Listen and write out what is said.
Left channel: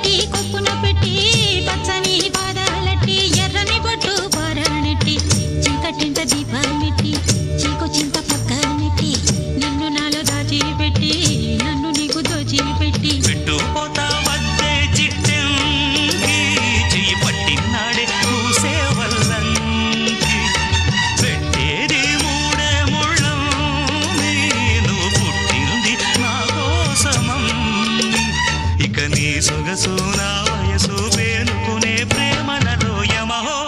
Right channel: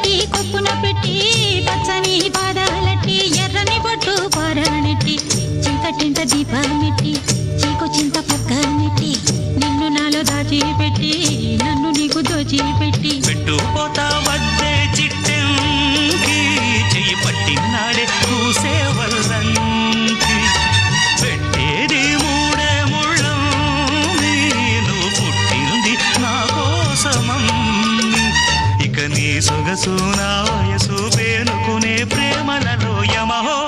నెట్టి కొప్పున పెట్టి పచ్చని పాదాలట్టి ఎర్రని బొట్టు పారాణెట్టి చీకటింట దీపమెట్టి చీకొచ్చింత పక్క నెట్టి నిన్ను నాలో దాచిపెట్టి నన్ను నీకు దోచిపెట్టి పెట్టుపోతా వద్దే చిట్టంకి చెయ్యి పట్టినాడే కూసే వల్లంకి పెట్టేది మూడే ముళ్ళం నువ్వు పుట్టింది నా కోసమమ్మి ఇక నీ సొగసు నా వయసు పేనుకునే ప్రేమలలో యమహో